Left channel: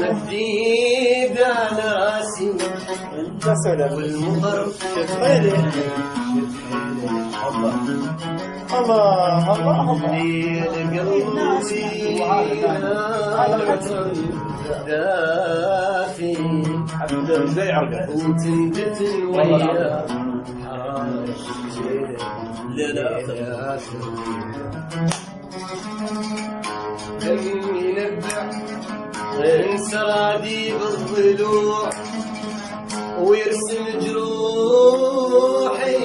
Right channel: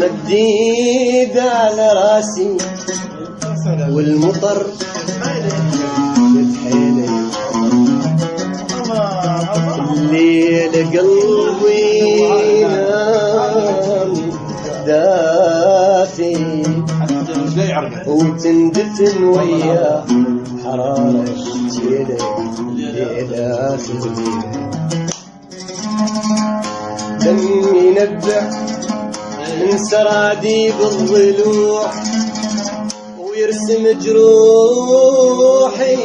مديد على راسي والمطر بتحيل الله الليل قلبي دافي وتندفن ويا حرارة ليلة دمي نبع من سراديب الضلوع ويرسم جروحي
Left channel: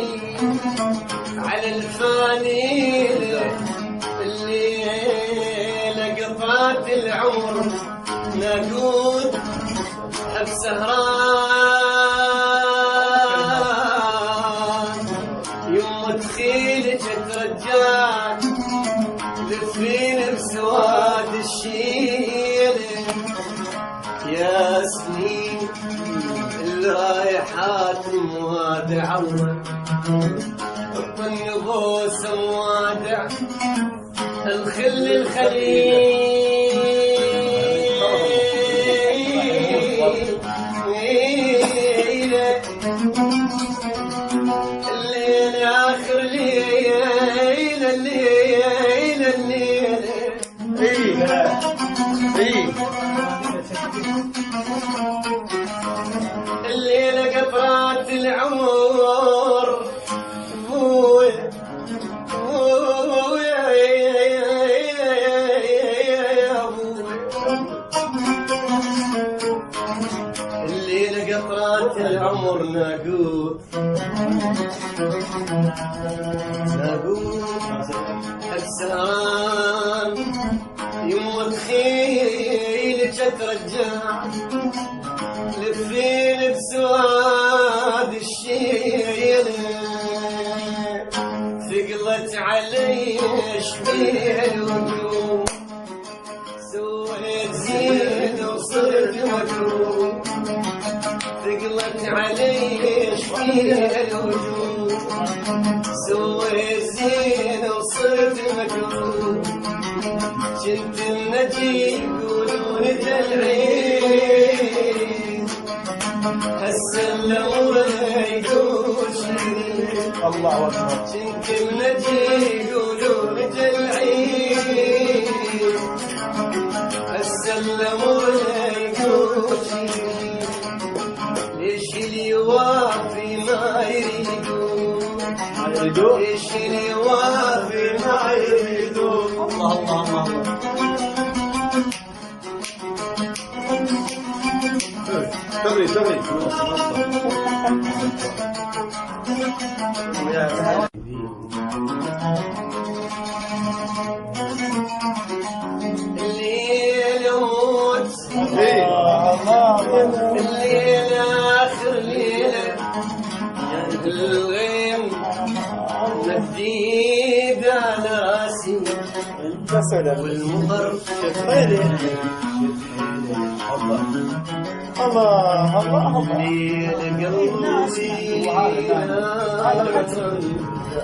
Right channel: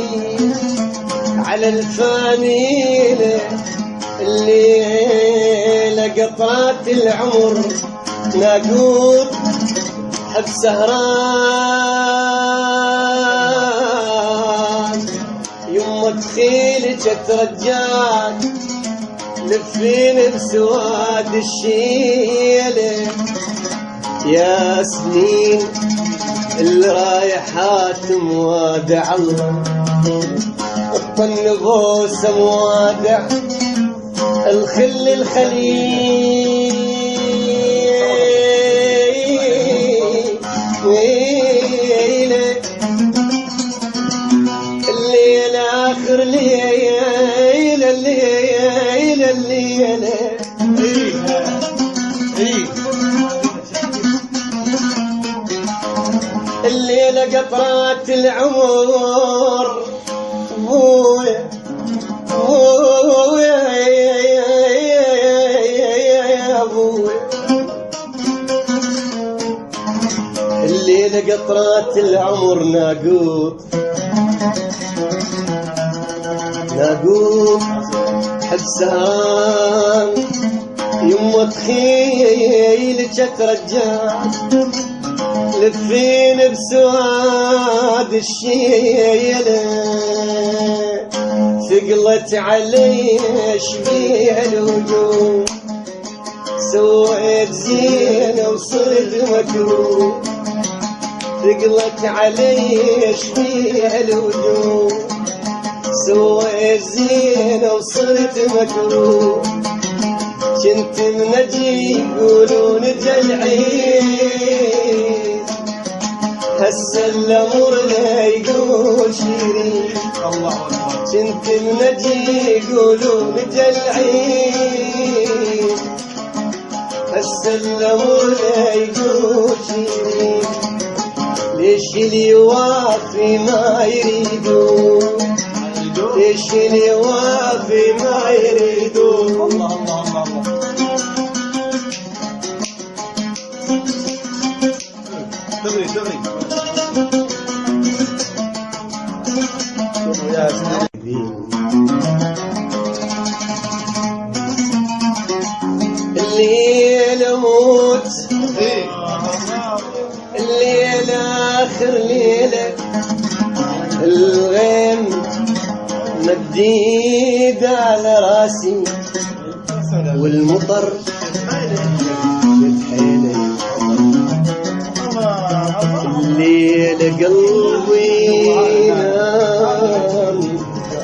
على الفانيلة الليلة قطعت العمر ناقود حب سهران يمه تخيلك ترجعك لفين بسواد الشيلة يا سنين اللي رايحات موادع الله الطن غوصة موادع الخل الخليل الليل آخر ليلة الليلة الليلة قطرات العمر بويا يا بويا الليلة قطرات العمر ناقوت حب سهران يمه تخيلك ترجعك لفين بسواد الشيلة ثقلت علي شبيه الوجوه سويت زينة وصرت مكروه ثقلت علي شبيه الوجوه سويت زينة وصرت مكروه كنت منجي يقولون جلعين هسه الامر لا يقول شيرين الله اكبر كنت منجي يقولون جلعين هسه الامر لا يقول شيرين ليش اللي يوافي ما يريدون ليش اللي يوافي ما يريدون الله الله الله الله دغري الليل اموت الليل اخر ليله الغيم مديد على راسي والمطر بتحيل الليل قلبي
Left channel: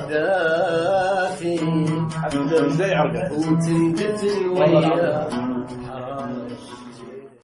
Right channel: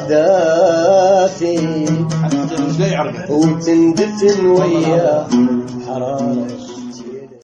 دافي وتندفن ويا